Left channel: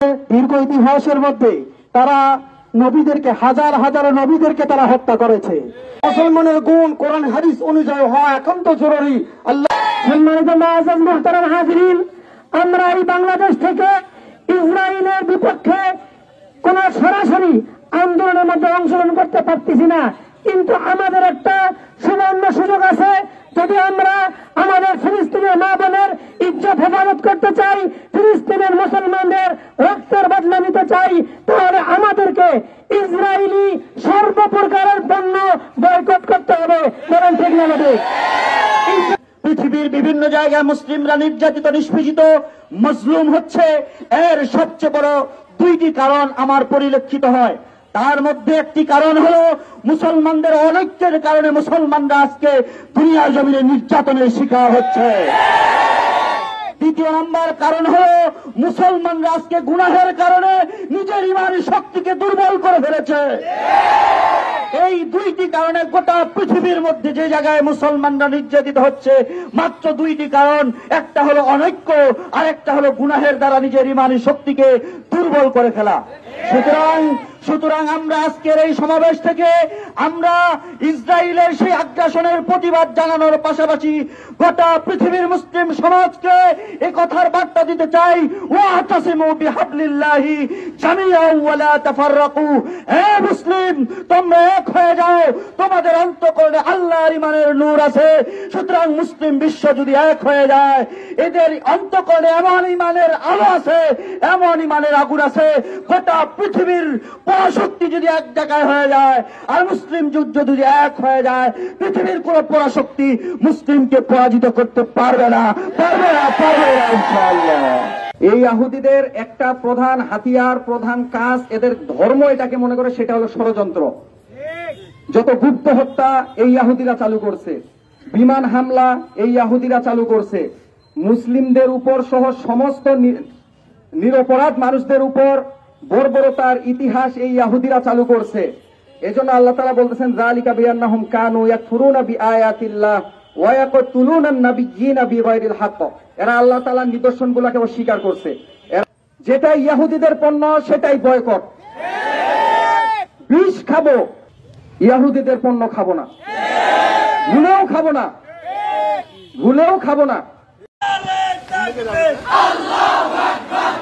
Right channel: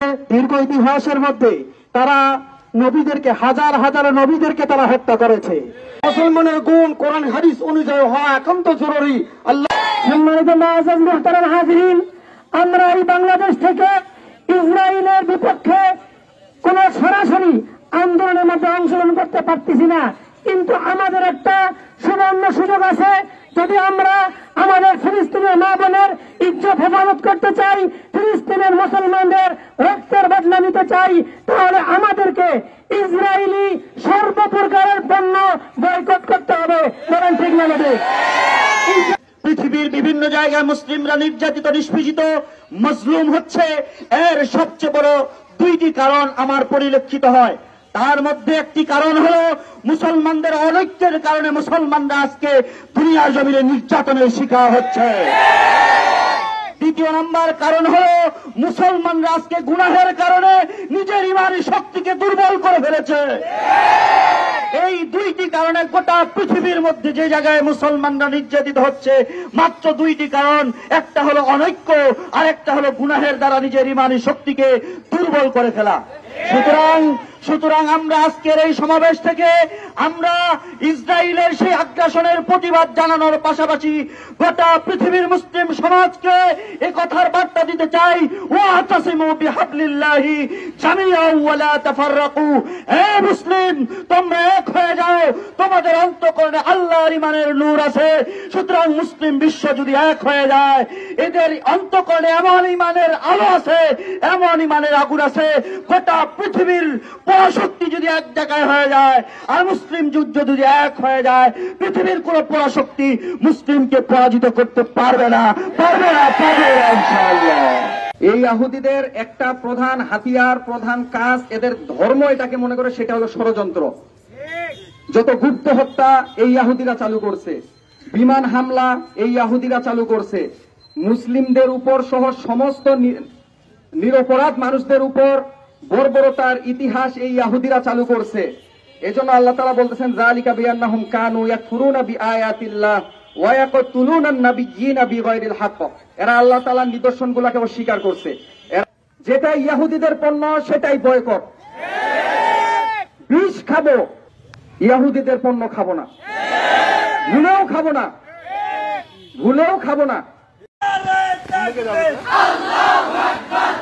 দীর্ঘ ইতিহাসের মধ্যে তারা নবীদেরকে হাজার হাজার নবীদেরকে তারা হত্যা করেছে। মুসলমানের গুণ কোরআন হাদিস অনুযায়ী হওয়া একান্ত জরুরি। আল্লাহ সম্মানিত মুআজ্জাজ মুহতারাম হাজিরিন, আমরা এই বাংলাদেশ থেকে ইসরায়েলের বিপক্ষে কোন সরাসরি আন্দোলনের মধ্যে অংশগ্রহণ করতে পারতেছি না, কিন্তু আমাদের একটা সুবর্ণ সুযোগ আছে। যদি আমরা আমাদের ফিলিস্তিনের মা বোনের ইজ্জত হেফাজত করতে চাই, ফিলিস্তিনের মুসলমানদের রক্তের বদলা নিতে চাই, তাহলে আমাদেরকে ইসরায়েলি সর্বপ্রকারের পণ্য বয়কট করতে হবে। কারণ ঠিক না পৃথিবীর বিভিন্ন জায়গায় মুসলিমরা নির্যাতিত, নিষ্পেষিত, মজলুম হচ্ছে। এর সবচেয়ে বড় দুইটি কারণ আমার পরিলক্ষিত হয়। তার মধ্যে একটি কারণ হল মুসলমানদের অনৈক্যের কারণে মুসলমানরা আজকে দুনিয়ার জমিনে নির্যাতনের শিকার হচ্ছে। দ্বিতীয় নম্বর কারণ হল মুসলমানরা আজকে গুনাহের কারণে নিজের ইমানি শক্তিকে দুর্বল করে ফেলেছে। এই দুইটি কারণে গোটা পৃথিবীর মধ্যে যে জায়গায় মুসলমানরা নির্যাতিত হচ্ছে, মাত্র দুইটি কারণ। একটা হলো অনৈক্য, আর একটা হলো গুনাহের দ্বারা নিজের ইমানি শক্তিকে দুর্বল করে ফেলা। সুতরাং আমরা আজকের এই সমাবেশ থেকে আমরা ইসরায়েলের সেই আগ্রাসনের প্রতিবাদ জানানোর পাশাপাশি গোটা পৃথিবীর মুসলিম সমাজকে এই কথার বার্তা দিতে চাই, ওয়াতাসিমু বিহাবলিল্লাহি জামিআন ওয়া লা তাফাররাকু। হে মুসলিম, তোমরা এক হয়ে যাও, তোমাদের অন্তঃকরণে আল্লাহর ইমানের নূর আছে। সুতরাং মুসলিম বিশ্ব যদি এক হয়ে যায়, এদের অন্তঃকরণে এমন ইমানের আলো আছে, এমন ইমানের আগুন আছে, গোটা পৃথিবীর পরাশক্তি যদি এক জায়গায় হয়ে যায়, আর মুসলিম যুদ্ধ যদি এক হয়ে যায়, পৃথিবীর কোন পরাশক্তি মুসলিমকে পরাজিত করতে পারবে না, পারবে না, পারবে না ইনশাআল্লাহ। এই ইহুদিদের একটা প্রধান হাতিয়ার, প্রধান কাজ, এদের ধর্ম এটাকে মনে করে সেটা হলো ষড়যন্ত্র। যত গুপ্ত হত্যা এই ইহুদিরা চালু করছে, বিমান হামলা এই ইহুদিরা চালু করছে, মুসলিমদের উপর সহ সমস্ত নিরপরাধ মানুষদের উপর বর্বরতার ইতিহাস এই ইহুদিরা চালু করছে। এজন্য আল্লাহ তাআলা বলতেছেন, যালিকা বিআন্নাহুম কানু ইয়াকফুরুনা বিআয়াতিল্লাহ ওয়া ইয়াকতুলুনা আন-নাবিয়্যিনা বিগাইরিল হক। এরা আল্লাহ তাআলার নিদর্শনগুলোকে অস্বীকার করছে। যেটা ইহুদিদের পণ্য সেটাই বয়কট। বিষ খাবো, ইহুদিদের পণ্য খাবো না, ভুলেও খাবো না, ভুলেও খাবো না। আল্লাহু আকবার।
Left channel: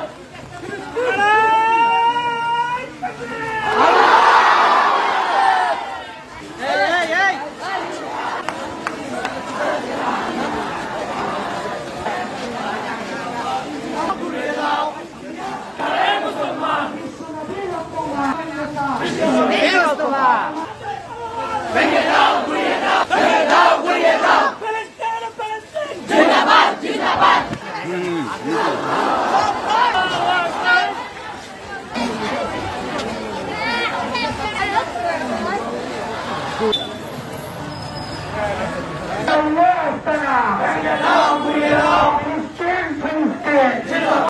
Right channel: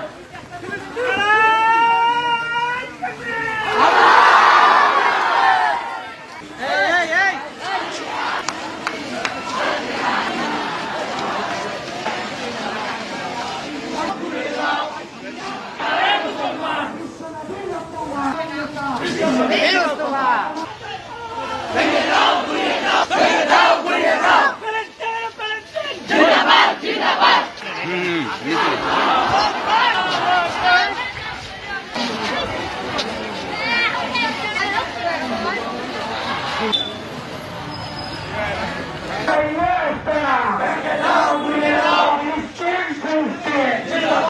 Allah